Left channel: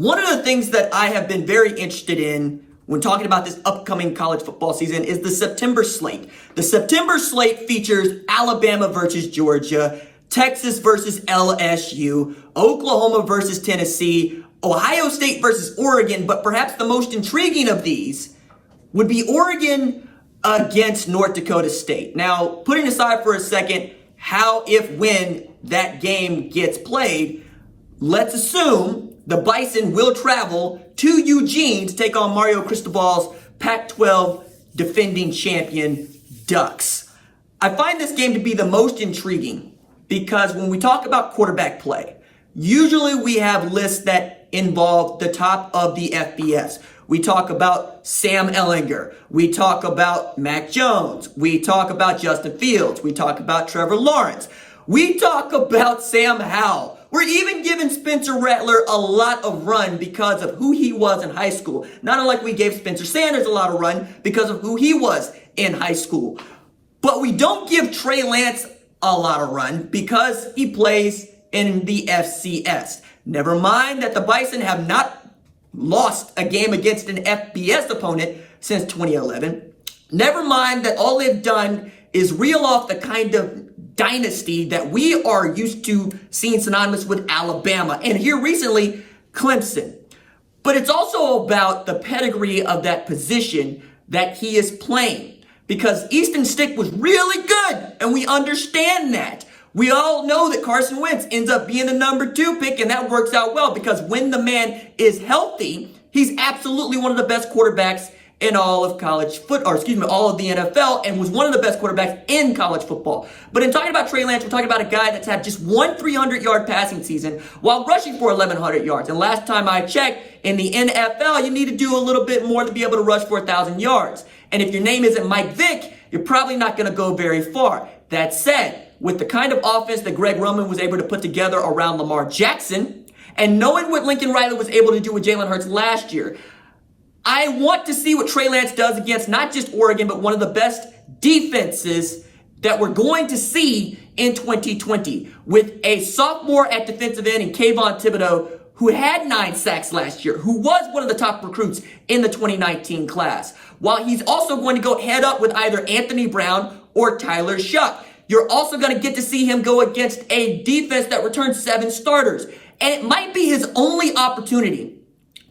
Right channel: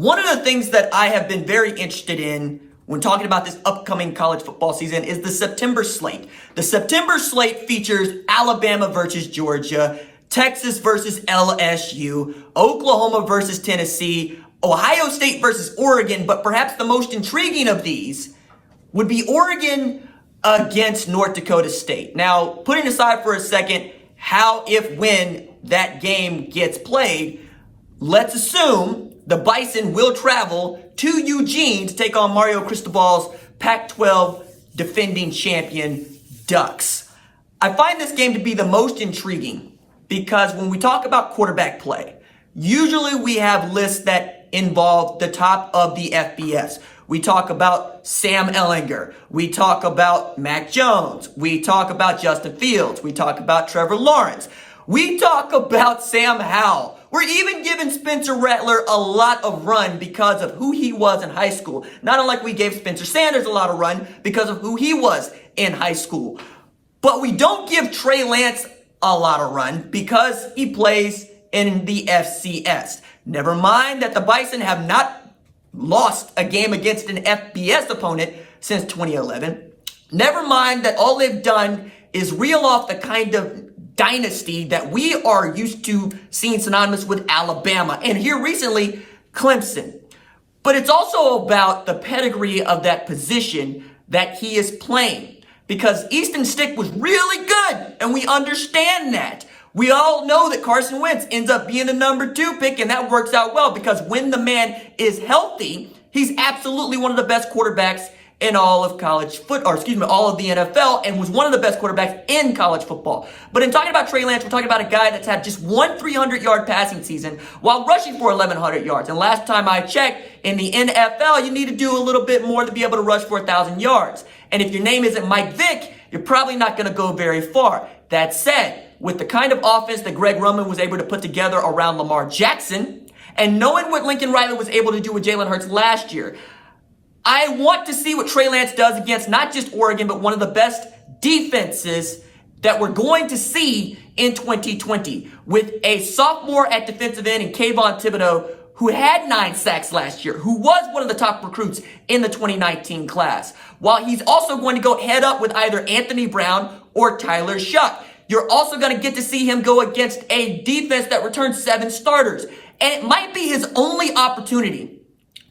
One of the things that I have been very interested in when talking about this upcoming college football season is the September slate. The September slate features Alabama versus Georgia, Texas versus LSU, Oklahoma versus Tennessee, Ohio State versus Oregon, but perhaps the most intriguing of these would be Oregon against North Dakota State. Now, putting aside for a second how, if, when that game gets played, let's assume the Bison will travel to Eugene to take on Mario Cristobal's Pac-12 defending champion Ducks. I find this game to be the most intriguing because when we talk about quarterback play, usually we have lists that involve the top of the FBS. We talk about Sam Ehlinger. We talk about Mac Jones. We talk about Justin Fields. We talk about Trevor Lawrence. We talk about Sam Howell. We're even giving Spencer Rattler a lot of run because of who he was in high school. Not unlike we gave Spencer Sanders a lot of run because of who he was in high school. But we don't give Trey Lance a lot of run because he plays in the FCS. Never mind that the Bison have not lost a game against an FBS opponent since 2011. Never mind that all they've done is reel off the kind of dynasty that we are used to seeing synonymous with Alabama, and here recently, Clemson. But it's also about the pedigree of that position that he is playing, because Easton Stick was really good, and we understand that. We all know that Carson Wentz ends up being the number 2 pick, and that works out well because when the man is healthy, he's absolutely one of the best quarterbacks in all of all of the NFL, and was one of the best quarterbacks in college football. But in talking about Trey Lance, we're talking about a guy that's had just one 300-yard passing season while rushing for 1,100 yards. And last time I checked, in the NFL, you need to do a little bit more to be able to rush for 1,000 yards. And if your name isn't Mike Vick, you're probably not going to go very far. That said, with the kind of offense that Greg Roman was able to put together around Lamar Jackson, and knowing what Lincoln Riley was able to do with Jalen Hurts last year, I want to see what Trey Lance does against not just Oregon, but one of the best defenses that we're going to see in 2020, with a sophomore at defensive end in Kayvon Thibodeau, who had 9 sacks last year, who was one of the top recruits in the 2019 class, while he's also going to go head up with either Anthony Brown or Tyler Shuck. You're also going to get to see him go against a defense that returns 7 starters. And it might be his only opportunity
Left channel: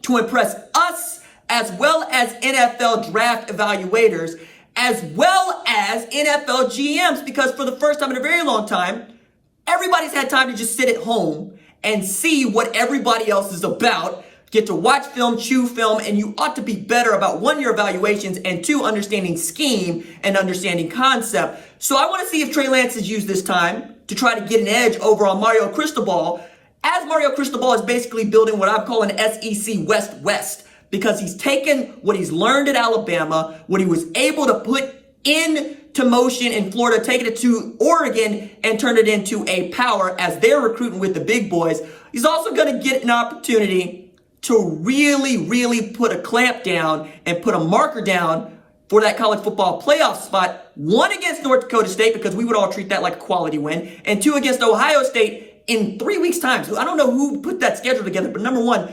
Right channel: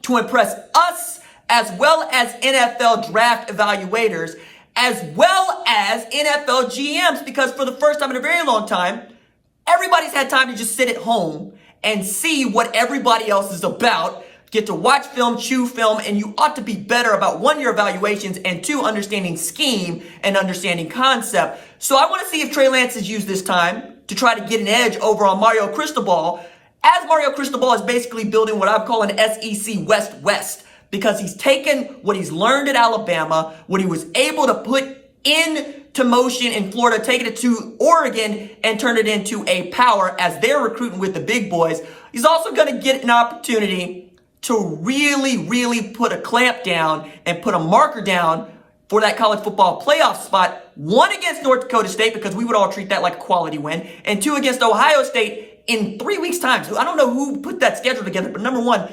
to impress us, as well as NFL draft evaluators, as well as NFL GMs, because for the first time in a very long time, everybody's had time to just sit at home and see what everybody else is about, get to watch film, chew film, and you ought to be better about 1, your evaluations, and 2, understanding scheme and understanding concept. So I want to see if Trey Lance has used this time to try to get an edge over on Mario Cristobal, as Mario Cristobal is basically building what I call an SEC West-West, because he's taken what he's learned at Alabama, what he was able to put into motion in Florida, taking it to Oregon, and turn it into a power as they're recruiting with the big boys. He's also going to get an opportunity to really put a clamp down and put a marker down for that college football playoff spot. 1 against North Dakota State, because we would all treat that like a quality win, and 2 against Ohio State in 3 weeks' time. So I don't know who put that schedule together, but number 1,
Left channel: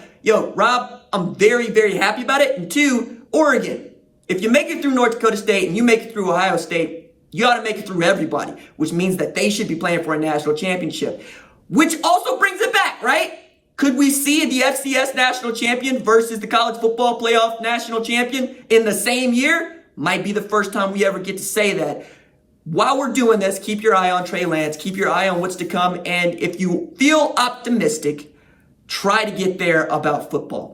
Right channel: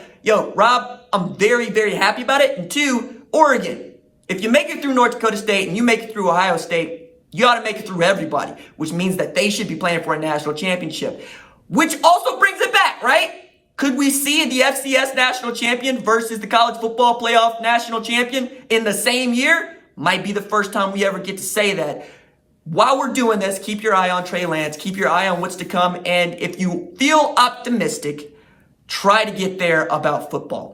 Rob, I'm very happy about it. And 2, Oregon. If you make it through North Dakota State and you make it through Ohio State, you ought to make it through everybody, which means that they should be playing for a national championship. Which also brings it back, right? Could we see the FCS national champion versus the college football playoff national champion in the same year? Might be the first time we ever get to say that. While we're doing this, keep your eye on Trey Lance, keep your eye on what's to come, and if you feel optimistic, try to get there about football.